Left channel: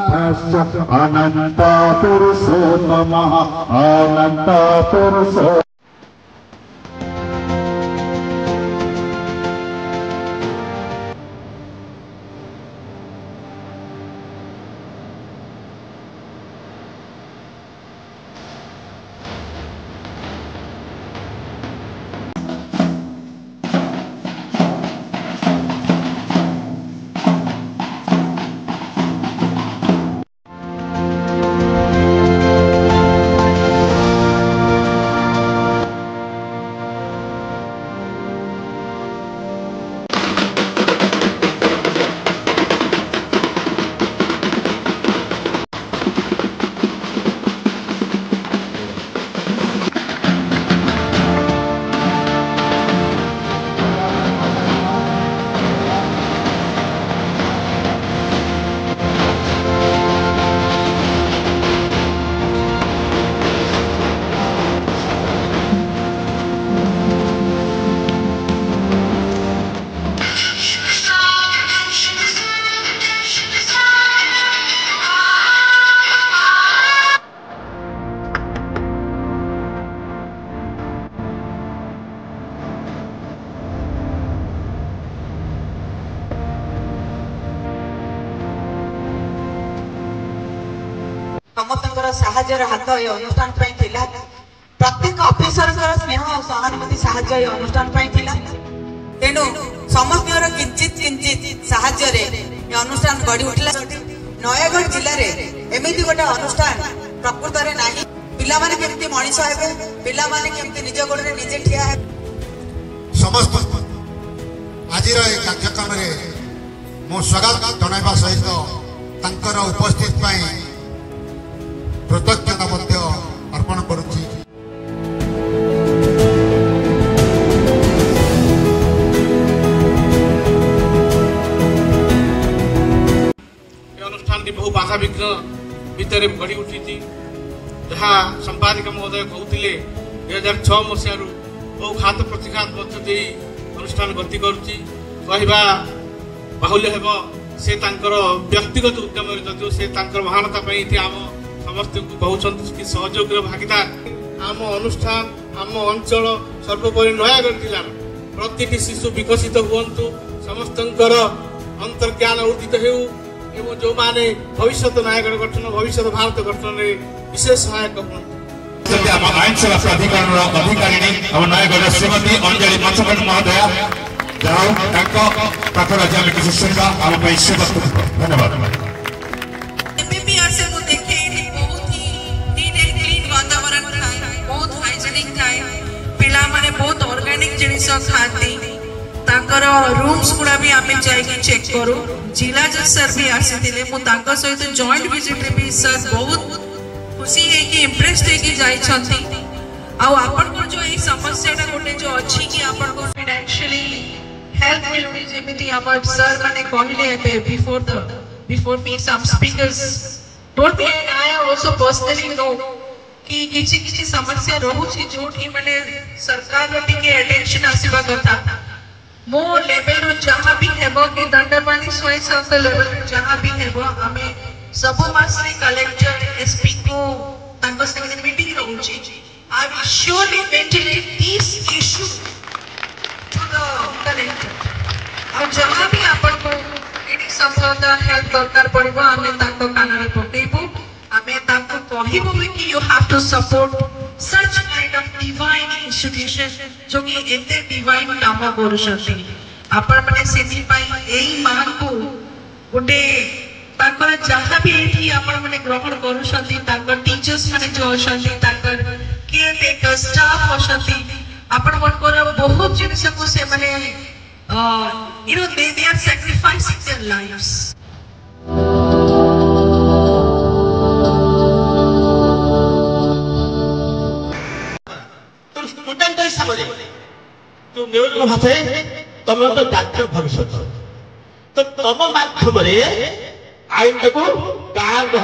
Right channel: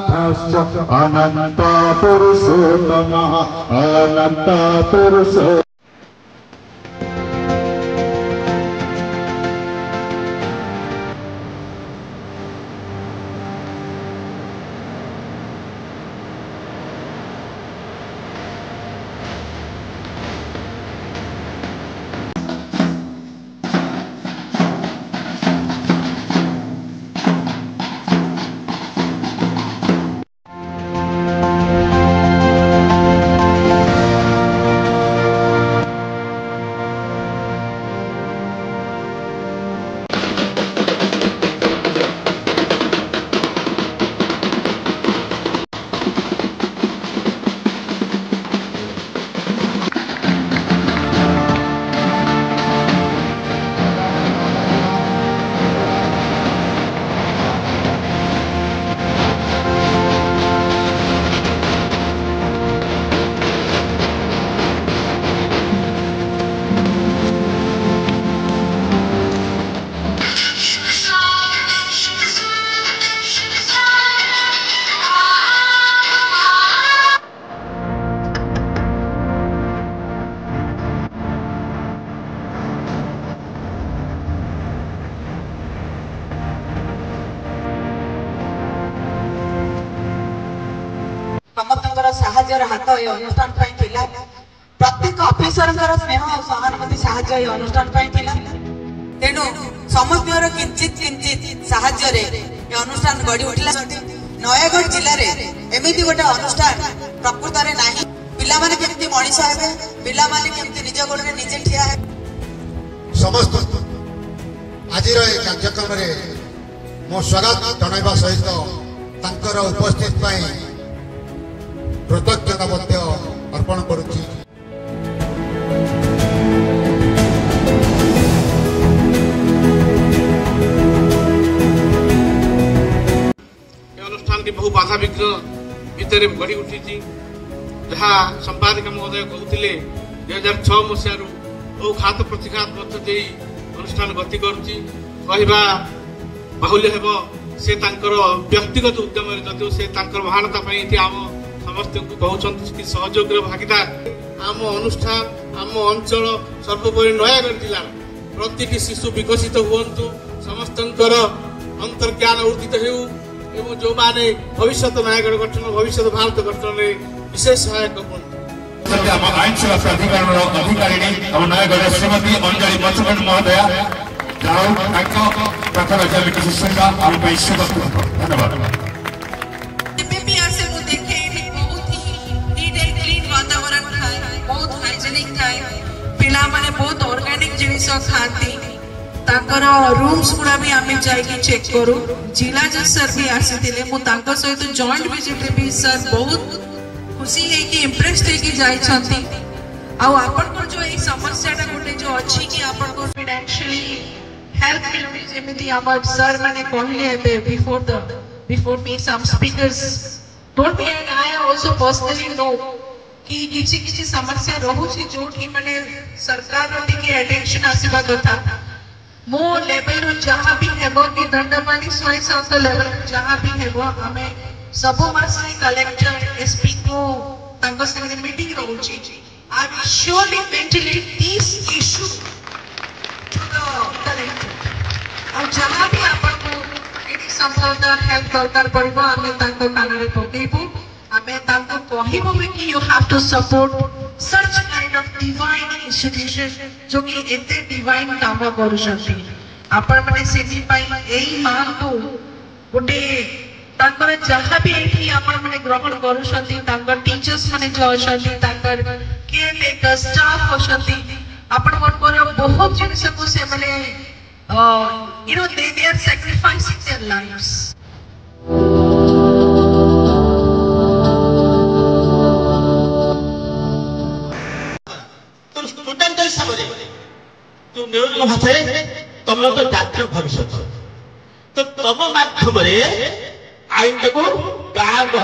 जगन्नाथश्च अनंत पुरुषोत्तमः अनंत पुरुषो समस्त साहाय्यर हाथ ये अनुष्ठान प्रत्येक ऑफिसर स्नेह और सहानुभूति साहाय्य ये अनुष्ठान तेणु समस्त किंचित किंचित साहाय्य ये अनुष्ठान गढ़ी उठिला। नयगढ़ जिले में एमती गोटे अनुष्ठान प्रकृत में नहीं। पिला माने केमती मनीष हेबे, पिला माने केमती निज गोड़ रे निजे ठिया हे। समस्त आज कार्यक्रम रे मो स्वागत जनाइबा सहित तांकर उपस्थित पाई कृतज्ञता अर्पण करुच्ची। अनुष्ठान की बहु बाधा विघ्न भितर गढ़ी उठी जहाँ संपादक महोदय कहते 2006 मसीह बहु घात प्रतिघात मध्य दे अनुष्ठान गति करुच्ची कहवा बाहुल्य हेब से व्यक्तिगत उद्यम जदि से महानता आम समस्त को कहते सहयोग भागीदार आम अनुष्ठान आम अंचल सर्वोपरि नयगढ़ जिला प्रत्येक शिशु विकसित हुंतु समस्त अंतर्ज्ञान उर्जित हो जो माने भविष्य नयगढ़ गठन भविष्य भारत गठन में विशेष सहायक अधिकारी नयगढ़ श्रीमती अंजलि मंचमन महोदया प्रथम धन्यवाद। बहुत ऑर्गेनिक जिनिस खाती रूम्स गुड़ा भी आम जाके चेक करूँ। जिला जज सर भी आसी सहित जॉइंट विजिट रे भी सर बहुत खुशी है कि इम्प्रेस होके जाइछंती। आपन को जो ये समस्या गोटे जो अच्छी कि आपन को फाइनेंशियली हेल्प मिलबी जेमिति हमर सर माने कहले before me some speakers don't be I also personally know कि किसी समस्या रहुछि जोठी माने सरकार रो टिके अटेंशन आसीबा कथा मो लेवल रो जहां भी हेबो कि दंडमानी स्वयं संस्था लेवल जहां भी हेबो हमें सब मासरे कलेक्टर एसपी को तांको संगे मीटिंग रहुछि। I will surely ventilate this issue to the collector और जहां भी आपन को एडी संपदा हेल्प दरकार पड़िबो हमें तांको कानरे पकेबो हमें तांको कहिबो कि you have to support such kind of divine institution जो कि एते डिवाइन काम करूछथि। आपण माने सेति पाई एई मान को गोटे तांकर जहां भी एठी आपण माने ग्रहण करूछथि तांकर टीचर्स माने जो अछथि तांकर केयर टेकर स्टाफ अछथि आपण मनकर बहुत जिनिस को से माने you know they are sacrificing their lives। Student हिसाब से तो नियोजन भाषा तुम तो जातीय भविष्य तो तुम माध्यम आईन को गाँव